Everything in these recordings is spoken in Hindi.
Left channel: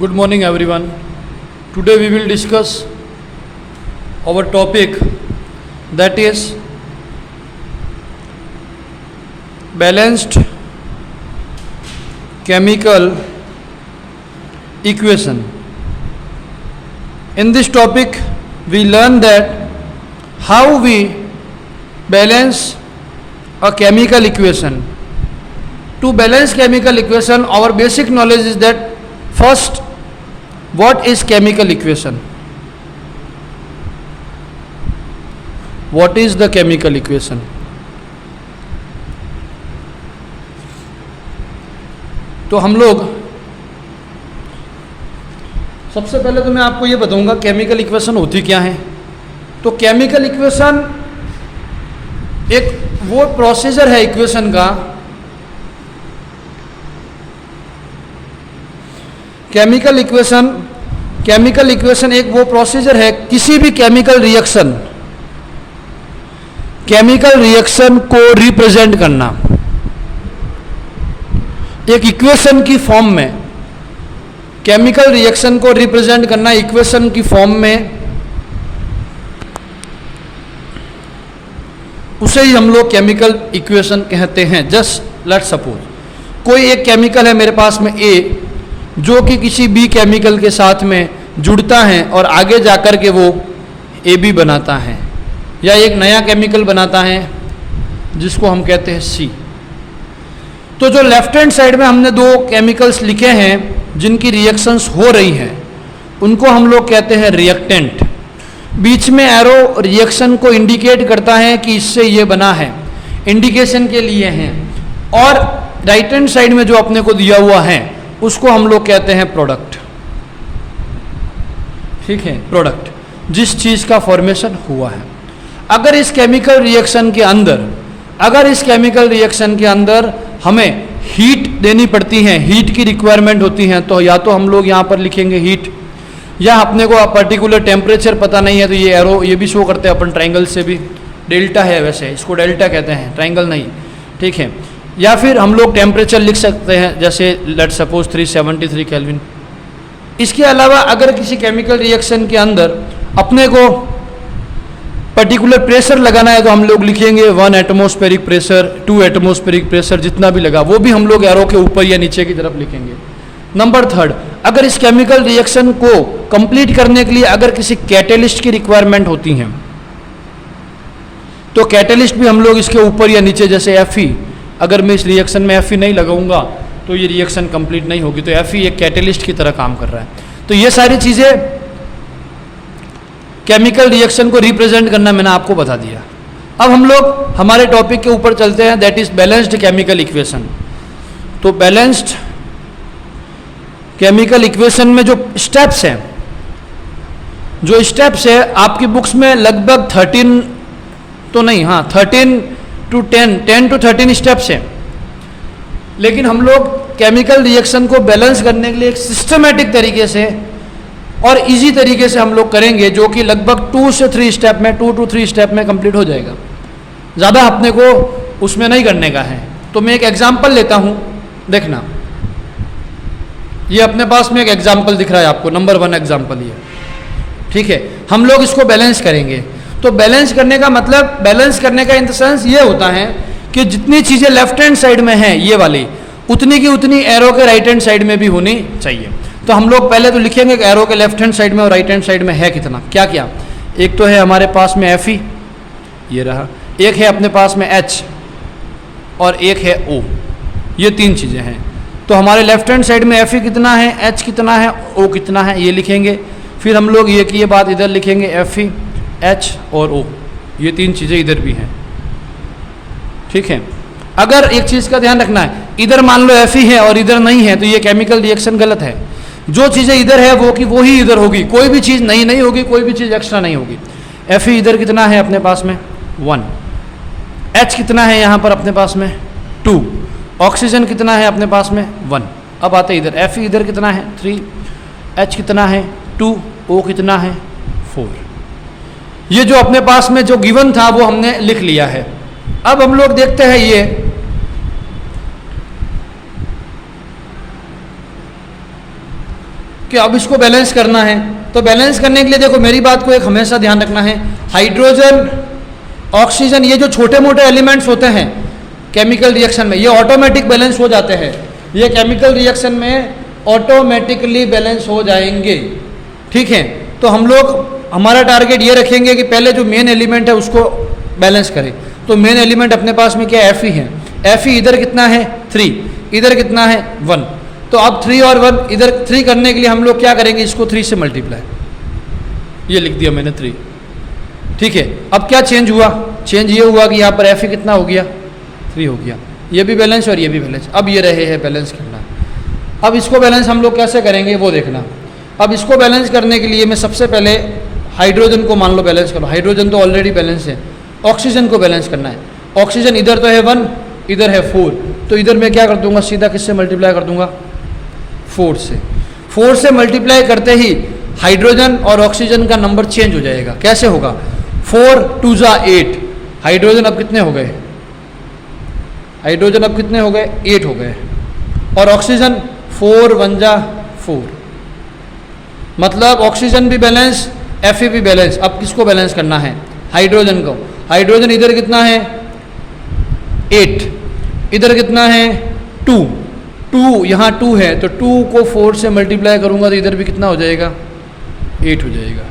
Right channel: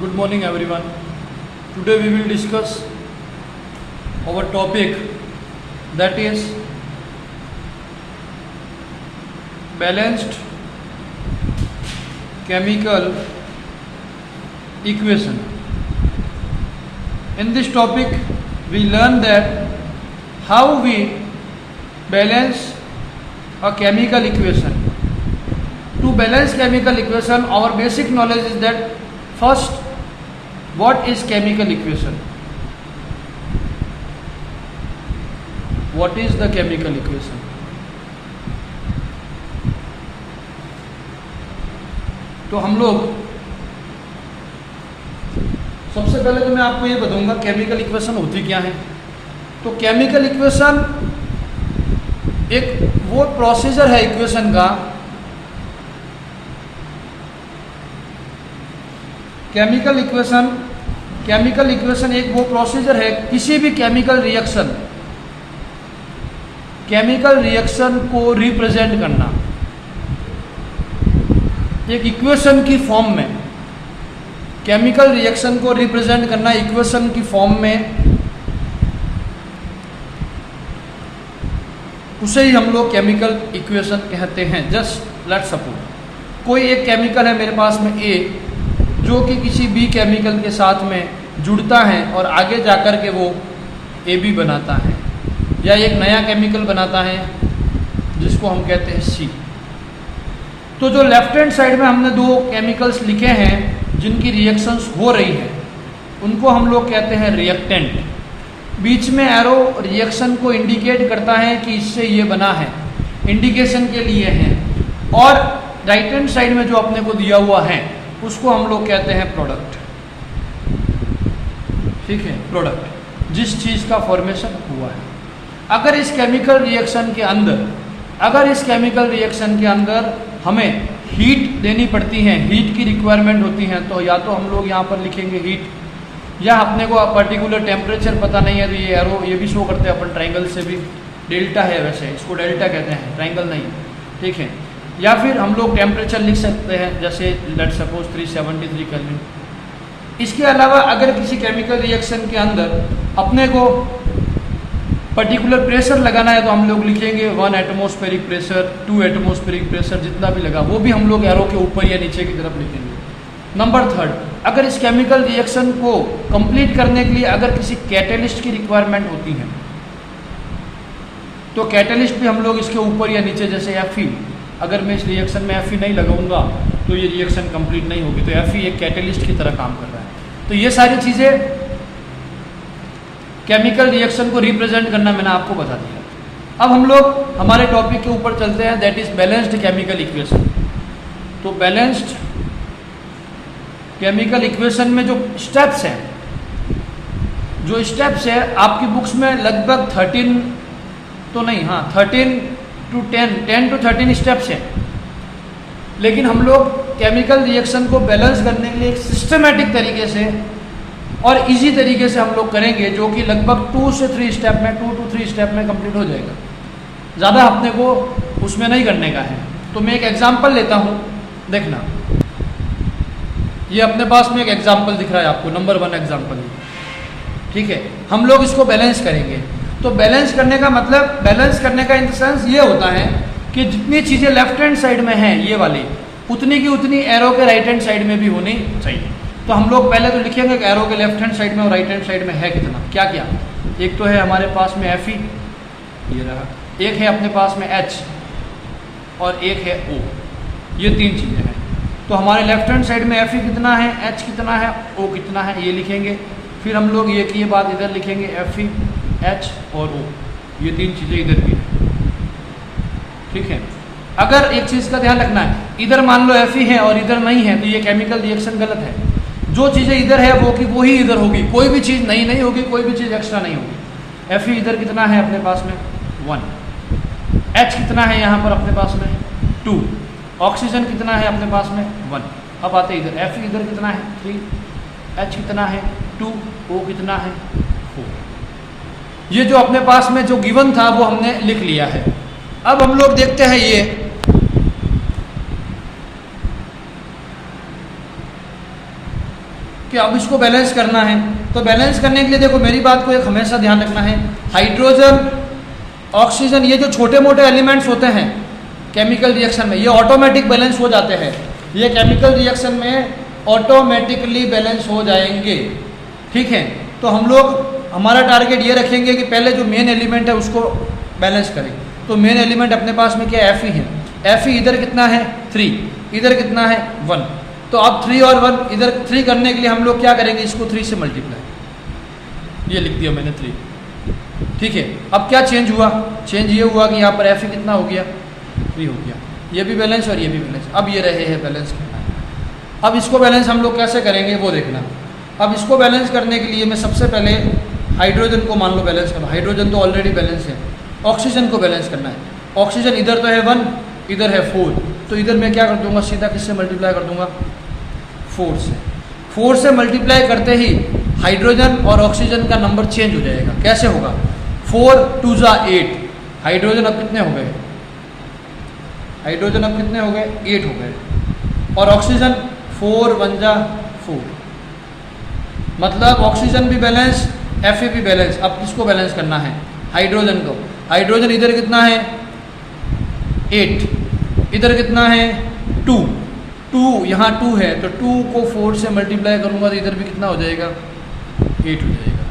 Good morning, everyone. Today we will discuss our topic, that is balanced chemical equation. In this topic, we learn that how we balance a chemical equation. To balance chemical equation, our basic knowledge is that first, what is chemical equation? What is the chemical equation? तो हम लोग सबसे पहले तो मैं आपको ये बताऊंगा केमिकल इक्वेशन होती क्या है। तो केमिकल इक्वेशन एक वो प्रोसीजर है इक्वेशन का। केमिकल इक्वेशन एक वो प्रोसीजर है किसी भी केमिकल रिएक्शन को रिप्रेजेंट करना एक इक्वेशन की फॉर्म में। केमिकल रिएक्शन को रिप्रेजेंट करना इक्वेशन की फॉर्म में, उसे ही हम लोग केमिकल इक्वेशन कहते हैं। जस्ट लेट्स सपोज कोई एक केमिकल है मेरे पास में ए, जो कि किसी बी केमिकल के साथ में जुड़ता है और आगे जाकर के वो ए बी बनाता है, या एक नया केमिकल बनाता है जिसको हम कहते हैं सी। तो जो लेफ्ट हैंड साइड में हमने दो केमिकल्स लिखे हैं जिनकी रिएक्शंस हो रही हैं, उनको हम लोग कहते हैं रिएक्टेंट। बीच में एरो रिएक्शन को इंडिकेट करता है कि इससे ये बना है, इंडिकेशन के लिए है। और राइट हैंड साइड में जो अपने को दिया हुआ है उसको हम लोग कहते हैं प्रोडक्ट। ठीक है, प्रोडक्ट जिस चीज का फॉर्मेशन हुआ है। अगर इस केमिकल रिएक्शन के अंदर हमें हीट देनी पड़ती है, हीट की रिक्वायरमेंट होती है, तो या तो हम लोग यहाँ पर लिखेंगे हीट, या अपने को पर्टिकुलर टेम्परेचर पता नहीं है तो ये एरो ये भी शो करते हैं अपन ट्रायंगल से भी। डेल्टा है, वैसे इसको डेल्टा कहते हैं, ट्रायंगल नहीं। ठीक है, या फिर हम लोग टेम्परेचर लिख सकते हैं, जैसे लेट्स सपोज 373 केल्विन। इसके अलावा अगर किसी केमिकल रिएक्शन के अंदर अपने को पर्टिकुलर प्रेशर लगाना है तो हम लोग लिखेंगे 1 एटमॉस्फेरिक प्रेशर, 2 एटमॉस्फेरिक प्रेशर, जितना भी लगा वो भी हम लोग एरो के ऊपर या नीचे की तरफ लिखेंगे। नंबर थर्ड, अगर इस केमिकल रिएक्शन को कंप्लीट करने के लिए अगर किसी कैटेलिस्ट की रिक्वायरमेंट होती है तो कैटेलिस्ट भी हम लोग इसके ऊपर या नीचे, जैसे Fe। अगर मैं इस रिएक्शन में Fe नहीं लगाऊंगा तो ये रिएक्शन कंप्लीट नहीं होगी, तो Fe एक कैटेलिस्ट की तरह काम कर रहा है। तो ये सारी चीज़ें केमिकल रिएक्शन को रिप्रेजेंट करना मैंने आपको बता दिया। अब हम लोग हमारे टॉपिक के ऊपर चलते हैं, that is balanced chemical equation. तो बैलेंस्ड केमिकल इक्वेशन में जो स्टेप्स हैं आपकी बुक्स में लगभग 13 तो नहीं, हाँ 10 to 13 स्टेप्स हैं। लेकिन हम लोग केमिकल रिएक्शन को बैलेंस करने के लिए एक सिस्टमेटिक तरीके से और इजी तरीके से हम लोग करेंगे, जो कि लगभग 2 से 3 स्टेप में, 2 to 3 स्टेप में कंप्लीट हो जाएगा। ज़्यादा अपने को उसमें नहीं करने का है। तो मैं एक एग्जांपल लेता हूँ, देखना। ये अपने पास में एक एग्जांपल दिख रहा है आपको, नंबर 1 एग्जांपल ये। ठीक है, हम लोग इसको बैलेंस करेंगे। तो बैलेंस करने का मतलब, बैलेंस करने का इन द सेंस ये होता है कि जितनी चीज़ें लेफ्ट हैंड साइड में हैं ये वाली, उतनी की उतनी एरो के राइट हैंड साइड में भी होनी चाहिए। तो हम लोग पहले तो लिखेंगे कि एरो के लेफ्ट हैंड साइड में और राइट हैंड साइड में है कितना, क्या क्या। एक तो है हमारे पास में Fe, ये रहा। एक है अपने पास में H और एक है O। ये 3 चीज़ें हैं। तो हमारे लेफ्ट हैंड साइड में Fe कितना है, H कितना है, O कितना है, ये लिखेंगे। फिर हम लोग ये बात इधर लिखेंगे, Fe, H और O, ये 3 चीज़ें इधर भी हैं। ठीक है, अगर एक चीज़ का ध्यान रखना है, इधर मान लो Fe है और इधर नहीं है तो ये केमिकल रिएक्शन गलत है। जो चीज़ें इधर है वो ही इधर होगी, कोई भी चीज़ नहीं होगी, कोई भी चीज़ एक्स्ट्रा नहीं होगी। Fe इधर कितना है अपने पास में 1, H कितना है यहाँ पर अपने पास में 2, ऑक्सीजन कितना है अपने पास में 1। अब आते इधर, Fe इधर कितना है 3, H कितना है 2, O कितना है 4। ये जो अपने पास में जो गिवन था वो हमने लिख लिया है। अब हम लोग देखते हैं ये कि अब इसको बैलेंस करना है। तो बैलेंस करने के लिए देखो मेरी बात को एक हमेशा ध्यान रखना है, हाइड्रोजन ऑक्सीजन ये जो छोटे मोटे एलिमेंट्स होते हैं केमिकल रिएक्शन में, ये ऑटोमेटिक बैलेंस हो जाते हैं, ये केमिकल रिएक्शन में ऑटोमेटिकली बैलेंस हो जाएंगे। ठीक है, तो हम लोग हमारा टारगेट ये रखेंगे कि पहले जो मेन एलिमेंट है उसको बैलेंस करें। तो मेन एलिमेंट अपने पास में क्या Fe है, Fe इधर कितना है 3, इधर कितना है 1। तो अब 3 और 1 इधर 3 करने के लिए हम लोग क्या करेंगे, इसको 3 से मल्टीप्लाई, ये लिख दिया मैंने 3। ठीक है, अब क्या चेंज हुआ, चेंज ये हुआ कि यहाँ पर Fe कितना हो गया 3 हो गया, ये भी बैलेंस और ये भी बैलेंस। अब ये रहे हैं बैलेंस करना। अब इसको बैलेंस हम लोग कैसे करेंगे वो देखना। अब इसको बैलेंस करने के लिए मैं सबसे पहले हाइड्रोजन को मान लो बैलेंस करो, हाइड्रोजन तो ऑलरेडी बैलेंस है। ऑक्सीजन को बैलेंस करना है, ऑक्सीजन इधर तो है 1, इधर है 4, तो इधर मैं क्या कर दूंगा, सीधा किससे मल्टीप्लाई कर दूंगा 4 से। 4 से मल्टीप्लाई करते ही हाइड्रोजन और ऑक्सीजन का नंबर चेंज हो जाएगा। कैसे होगा, 4 2 जा 8, हाइड्रोजन अब कितने हो गए, हाइड्रोजन अब कितने हो गए 8 हो गए, और ऑक्सीजन 4 1 जा 4, मतलब ऑक्सीजन भी बैलेंस Fe भी बैलेंस। अब किसको बैलेंस करना है, हाइड्रोजन को। हाइड्रोजन इधर कितना है 8, इधर कितना है 2, 2 यहाँ 2 है, तो 2 को 4 से मल्टीप्लाई करूँगा तो इधर भी कितना हो जाएगा 8 हो जाएगा।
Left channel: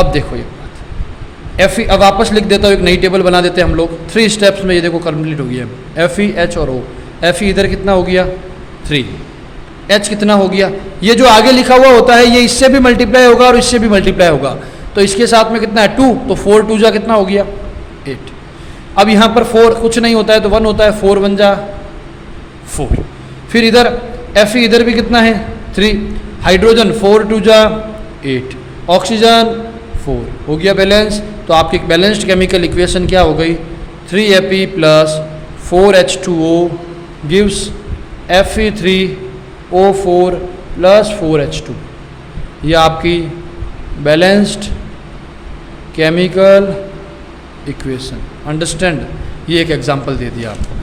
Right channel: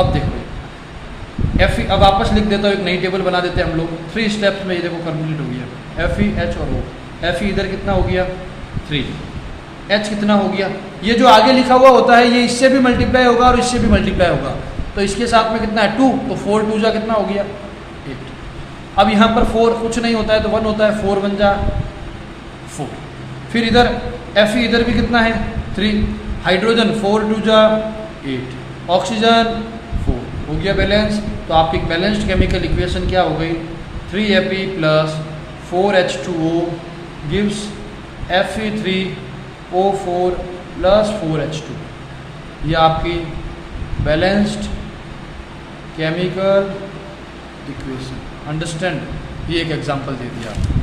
अब देखो ये Fe, अब वापस लिख देता हूँ, एक नई टेबल बना देते हैं हम लोग। 3 स्टेप्स में ये देखो कंप्लीट हो गया, Fe H और O। Fe इधर कितना हो गया 3, H कितना हो गया, ये जो आगे लिखा हुआ होता है ये इससे भी मल्टीप्लाई होगा और इससे भी मल्टीप्लाई होगा, तो इसके साथ में कितना है 2, तो 4 2 जा कितना हो गया 8। अब यहाँ पर 4 कुछ नहीं होता है तो 1 होता है, 4 1 जा 4। फिर इधर Fe इधर भी कितना है 3, हाइड्रोजन 4 2 जा 8, ऑक्सीजन 4 हो गया बैलेंस। तो आपकी बैलेंस्ड केमिकल इक्वेशन क्या हो गई, 3Fe plus 4H2O gives Fe3O4 plus 4H2। ये आपकी बैलेंस्ड केमिकल इक्वेशन। अंडरस्टैंड, ये एक एग्जांपल दे दिया आपने।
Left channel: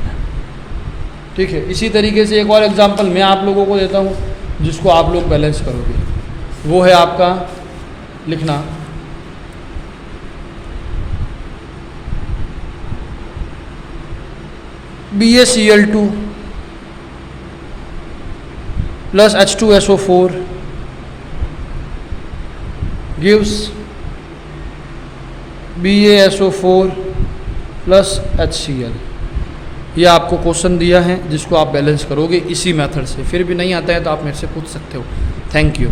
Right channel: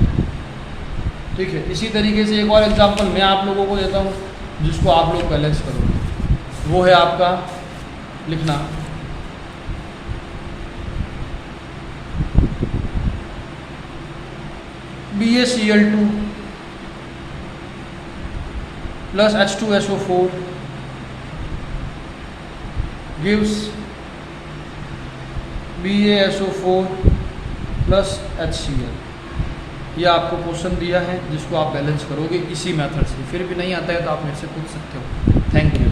ठीक है, इसी तरीके से एक और एग्जांपल मैं आप लोगों को देता हूँ जिसको आप लोग बैलेंस करोगे, वो है आपका लिखना BaCl2 plus H2SO4 gives BaSO4 plus HCl। ये आपको क्वेश्चन दिया है जिसको आप बैलेंस करोगे इसी मेथड से। फिर भी नहीं आता है तो आप मेरे से पूछ सकते हो। Thank you.